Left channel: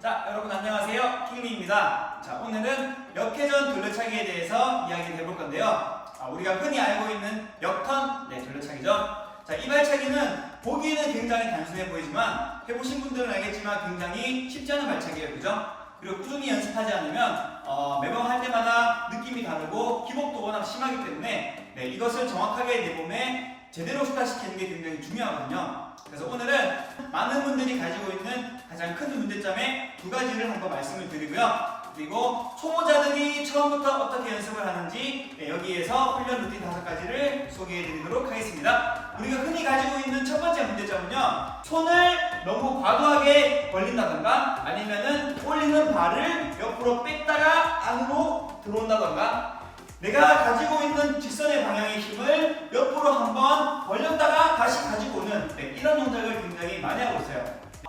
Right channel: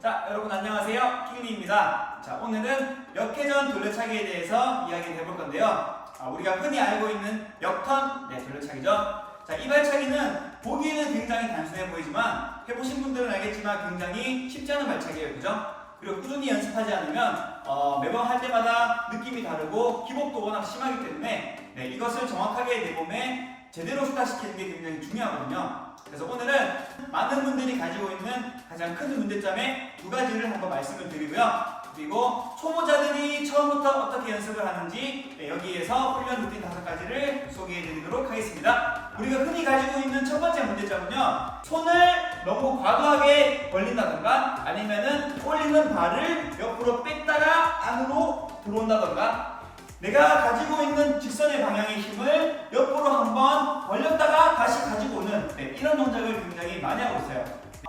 자, 여러분 안녕하세요. 킹리입니다. 자, 오늘은 역회전 돌려차기에 대해서 이야기를 해볼 건데요. 우리가 흔히 알고 있는 역턴 돌려차기죠. 자, 이 발차기는 보기에는 굉장히 단순해 보이지만 해보신 분들은 알겠지만 굉장히 쉽지 않은 발차기예요. 그죠? 그리고 꾸준히 연습하지 않으면 매번 할 때마다 느낌이 다르고 기복도 워낙 심하기 때문에 이것을 정확하게 내 몸에 제대로 습관시키는 게 굉장히 중요하거든요. 그래서 오늘은 많은 분들이 가지고 있는 가장 큰 문제점의 두 가지를 한번 말씀을 드리고요. 그리고 초보자들이 처음부터 어떻게 연습을 하는지 여기에서 훈련 루틴 5가지를 소개해 드리도록 하겠습니다. 우리가 흔히 가지고 있는 첫 번째 문제점은요, 손을 너무 과도하게 벌린다던가 아니면은 올리는 발을 옆으로 뺐다가 안으로 들어온다던가 내가 가지고 있는 직선의 방향의 힘을 옆으로 한번 벌렸다가 다시 가지고 오는 이런 동작을 굉장히 많이 하고 있어요.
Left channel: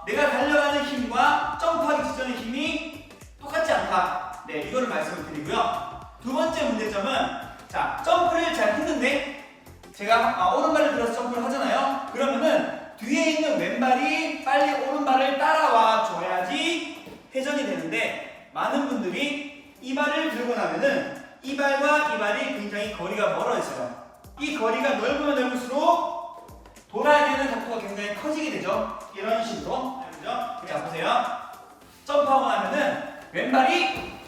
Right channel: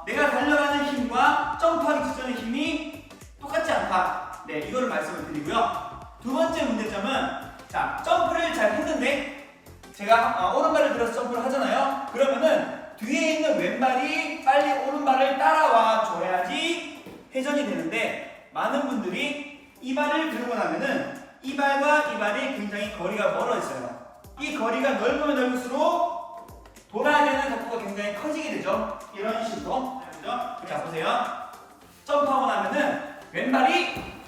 내가 달려가는 힘과 점프하기 직전의 힘이 똑같지 않다. 이거를 말씀을 드리고요. 두 번째 문제점은 점프를 잘 했는데 제가 오른발을 들어서 점프를 하잖아요. 그러면은 뒤에 있는 왼발이 빨리 오른발을 따라와 줘야지 회전이 되는데 많은 분들이 이 발을 들고 나면은 이 발과 이 발이 굉장히 거리가 멀어 있어요. 이 거리가 넓으면 넓을수록 돌아야 되는 각도가 굉장히 커지게 되죠. 이런 식으로. 그죠? 자, 보세요. 점프하고 나면은 왼발이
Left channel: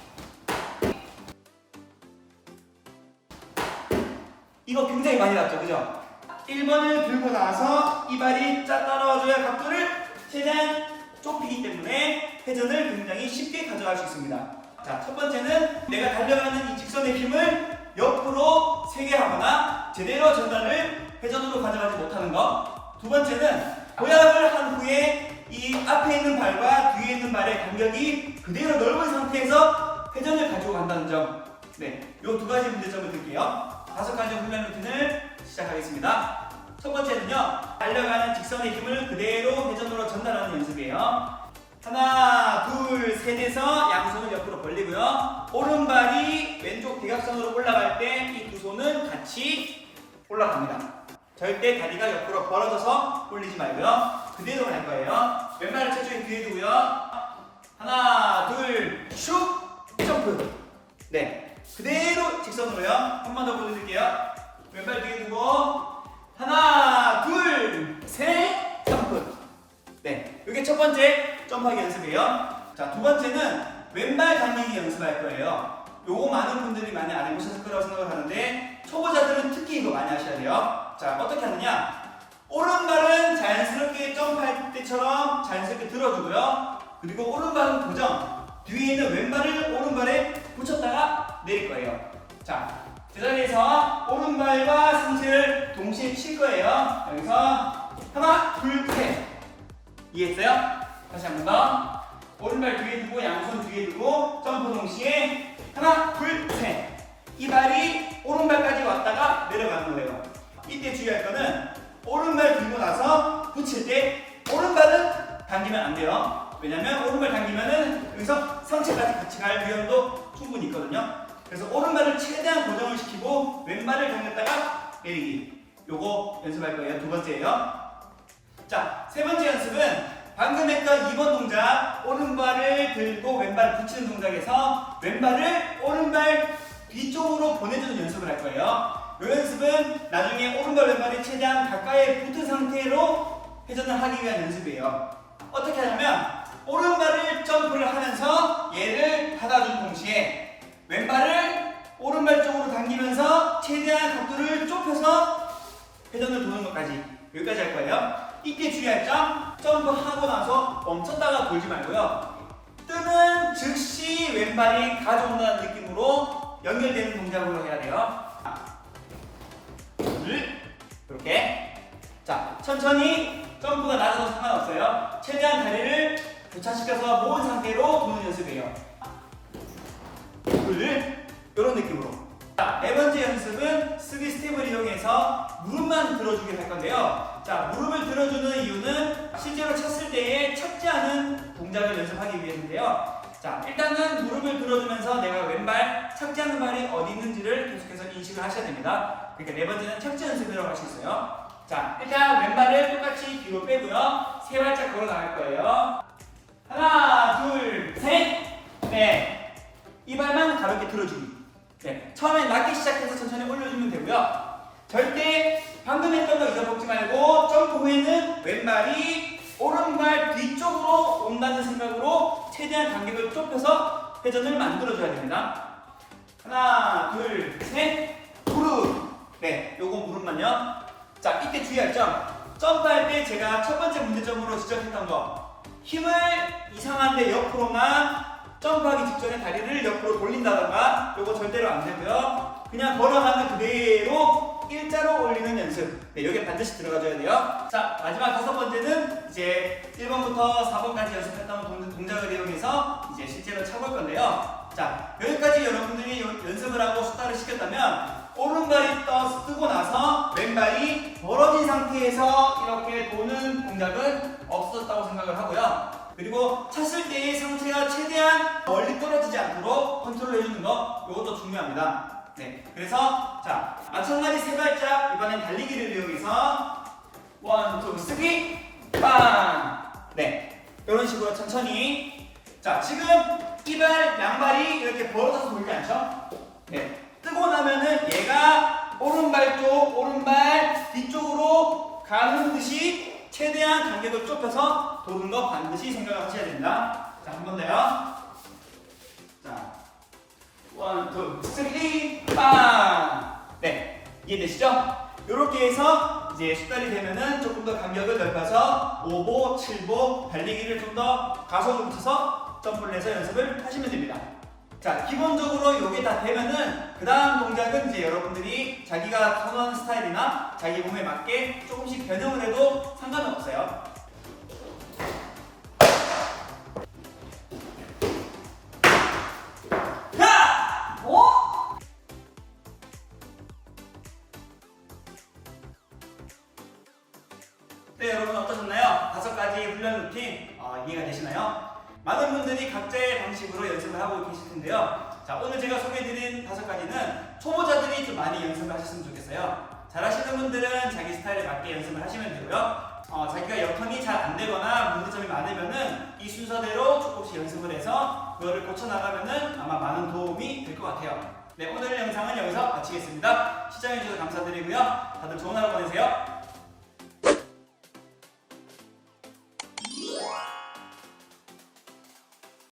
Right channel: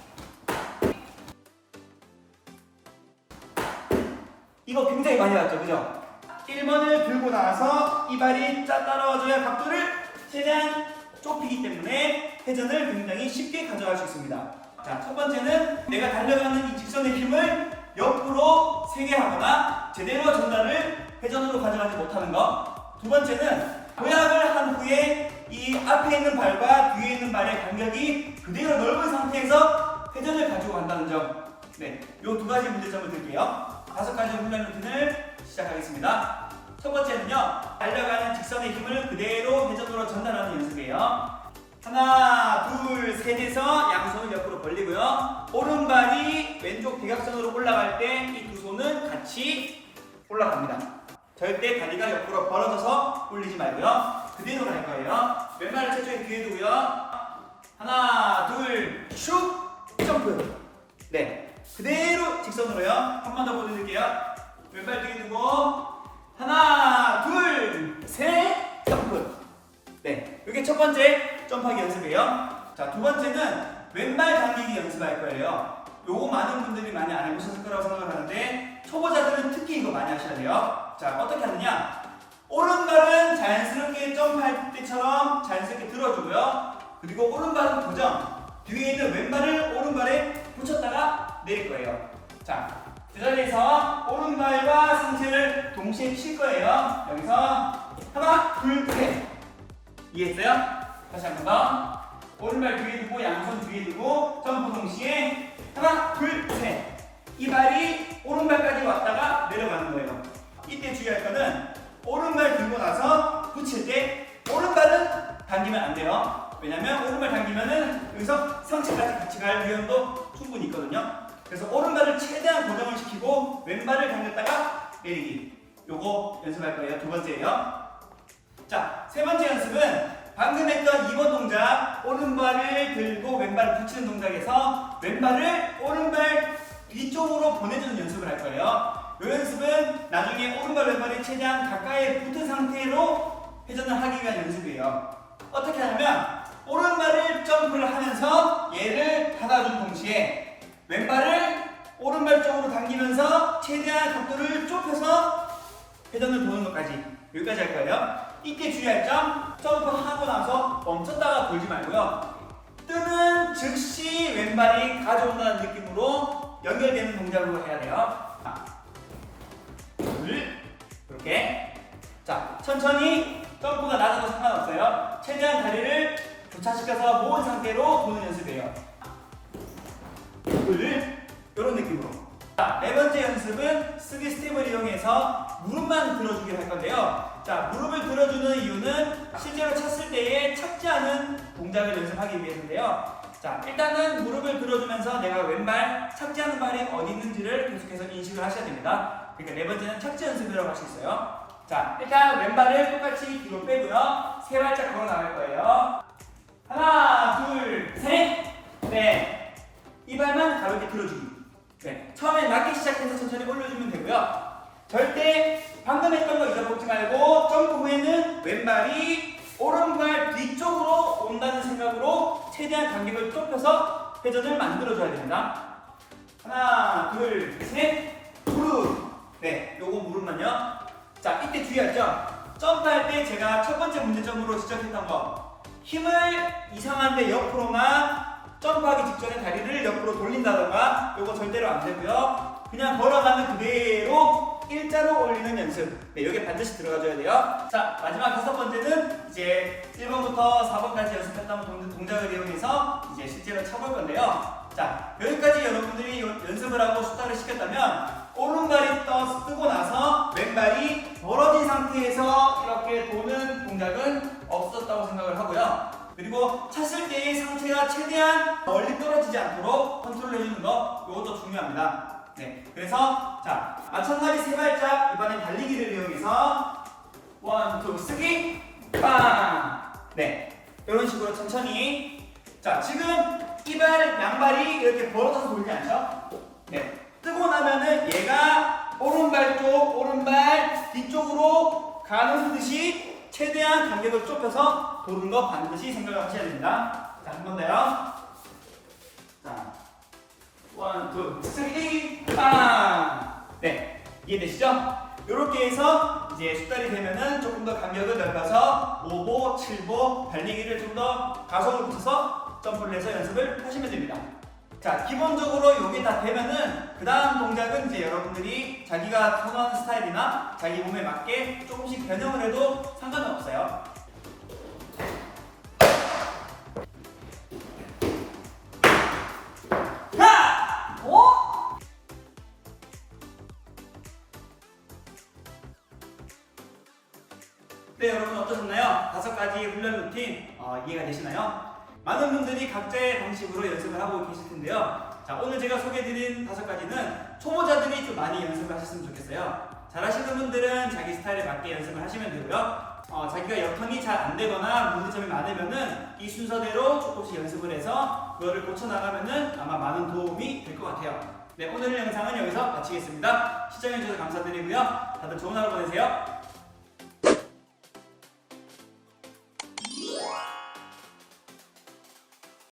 이거 굉장히 많이 났죠. 그죠? 1번을 들고 나서 이 발이 따라와줘야 각도를 최대한 좁히기 때문에 회전을 굉장히 쉽게 가져갈 수 있습니다. 자, 첫 번째는 내가 달려가는 이 직선의 힘을 옆으로 세게 하거나 제대로 전달을 회전으로 가져가지 못하는 것. 두 번째는 도약을 한 후에 이 앞에 있는 발과 뒤에 있는 발의 간격이 그대로 넓은 상태에서 회전을 가지고 간다는 점. 이 두 가지 문제점을 드릴게요. 5가지 훈련 루틴을 시작하겠습니다. 첫 번째는요, 달려가는 직선의 힘을 그대로 회전으로 전달하는 연습이에요. 하나, 둘, 셋에서 양손을 옆으로 벌리고요. 오른발이 왼쪽 대각선으로 올라갈 때 이 두 손은 같이 올라갑니다. 절대 다리가 옆으로 벌어져서 올리지 말고요. 그대로 갈 거예요. 왼발을 최초에 뒤에 두고요. 하나, 둘, 슉! 점프! 그대로 직선으로요. 한 번 더 보여드릴게요. 왼발 뒤에 두고 하나, 둘, 셋! 점프! 이게 첫 번째 점프하기 연습이에요. 자, 두 번째는 왼발 당기기 연습할 거예요. 요거 많은 분들이 많이 안 해보셨을 거라고 생각을 하는데 초보자들은 특히 이거 많이 하셔야 돼요. 자, 어떻게 하느냐? 오른발은 자연스럽게 점프할 때처럼 자연스럽게 들어주고요. 그리고 오른발은 고정. 뒤에 있는 왼발을 오른발에 붙였다가 내릴 거예요. 자, 제자리에서 오른발과 상체를 동시에 칠 거예요. 여기서 하나, 둘, 셋. 이해했어요? 다시 한 번 더. 오른발 뒤에 두고 양손 뒤에 두고 점프 동시에 하나, 둘, 셋. 이 발이 오른발까지 왔다가 내려가는 거예요. 이때 주의할 거는 오른발 들고 나서 붙일 때 오른발은 당기면 안 돼요. 왜냐면 오른발 당기면은 여기서 상체까지 같이 갈 위험도 충분히 있거든요. 그래서 오른발을 최대한 고정을 시키고 왼발을 당겼다가 내리기. 요거 연습할 거예요. 두 번째예요. 자, 세 번째 연습은 방금 했던 2번 동작, 오른발을 들고 왼발을 붙이는 동작에서 왼발을 오른발 뒤쪽으로 보내주는 연습을 할 거예요. 이 연습은 나중에 오른발 왼발이 최대한 가까이 붙은 상태로 회전을 하기 위한 연습이에요. 어떻게 하냐면 오른발을 점프를 하면서 얘를 닫아준 동시에 왼발을 오른발 쪽으로 당기면서 최대한 각도를 좁혀서 회전을 도는 것까지, 여기까지 할 거예요. 이때 주의할 점, 점프하고 나서 멈췄다가 돌지 말고요. 뜨는 즉시 왼발이 가져온다는 느낌으로 연결되는 동작으로 해야 돼요. 이렇게. 자, 천천히 점프가 낮아도 상관없어요. 최대한 다리를 교차시켜서 모은 상태로 도는 연습이에요. 이런 느낌으로. 자, 네 번째 연습은 쓰기 스텝을 이용해서 무릎만 들어주기를 할 건데요. 자, 무릎을 들어주는 이유는 실제로 찼을 때에 착지 않은 동작을 연습하기 위해서인데요. 자, 일단은 무릎을 들어주면서 내가 왼발, 착지 않는 발이 어디 있는지를 계속해서 인식을 하셔야 됩니다. 그러니까 네 번째는 착지 연습이라고 할 수 있어요. 자, 일단 왼발을 똑같이 뒤로 빼고요. 세 발짝 걸어 나갈 거예요. 하나, 둘, 셋. 네. 이발만 가볍게 들어주기. 네. 처음에 낮게 시작해서 천천히 올려주면 되고요. 절대 방금 했던 거 잊어먹지 말고 점프 후에는 왼발이 오른발 뒤쪽으로 온다는 생각으로 최대한 간격을 좁혀서 회전을 만들어줘야 됩니다. 하나, 둘, 셋. 무릎. 네. 요거 무릎만요. 자, 이때 주의할 점. 점프할 때 제가 첫 번째 문제점으로 지적했던 거. 힘을 이상한데 옆으로나 점프하기 직전에 다리를 옆으로 돌린다던가 요거 절대로 안 되고요. 그냥 걸어가는 그대로 일자로 올리는 연습. 네, 여기에 반드시 들어가줘야 돼요. 자, 마지막 5번째는 이제 1번부터 4번까지 연습했던 동작을 이용해서 이제 실제로 차볼 건데요. 자, 여기까지 여러분들이 연습을 하고 숙달을 시켰다면 오른발이 뜨고 나서 왼발이 벌어진 상태에서 이렇게 도는 동작은 없었다고 생각을 하고요. 그리고 찼을 때의 상체가 최대한 멀리 떨어지지 않도록 컨트롤 해주는 거, 이것도 중요합니다. 네, 그래서 자, 마찬가지 세 발짝 이번엔 달리기를 이용해서 1, 2, 3, 빵! 네, 이런 식으로 천천히. 자, 지금 이발 양발이 이렇게 벌어져서 돌지 않죠? 네, 뜨고 나면은 얘가 오른발 쪽, 오른발 뒤쪽으로 가는 듯이 최대한 간격을 좁혀서 도는 거 반드시 생각을 하셔야 됩니다. 자, 한 번 더요. 자, 1, 2, 3, 빵! 네, 이해되시죠? 이렇게 해서 이제 숙달이 되면은 조금 더 간격을 넓혀서 5보, 7보 달리기를 좀 더 가속을 붙여서 점프를 해서 연습을 하시면 됩니다. 자, 기본적으로 이게 다 되면은 그 다음 동작은 이제 여러분들이 자기가 선호하는 스타일이나 자기 몸에 맞게 조금씩 변형을 해도 상관은 없어요. 자! 오! 네, 여러분 어떠셨나요? 5가지 훈련 루틴 이해가 되시나요? 많은 분들이 각자의 방식으로 연습을 하고 계실 텐데요. 자, 오늘 제가 소개해드린 5가지는 초보자들이 좀 많이 연습을 하셨으면 좋겠어요. 잘하시는 분들은 자기 스타일에 맞게 연습을 하시면 되고요. 자기가 역턴이 잘 안 되거나 문제점이 많으면은 이 순서대로 조금씩 연습을 해서 그거를 고쳐나가면은 아마 많은 도움이 될 것 같아요. 네, 오늘 영상은 여기서 마치겠습니다. 시청해주셔서 감사드리고요. 다들 좋은 하루 보내세요.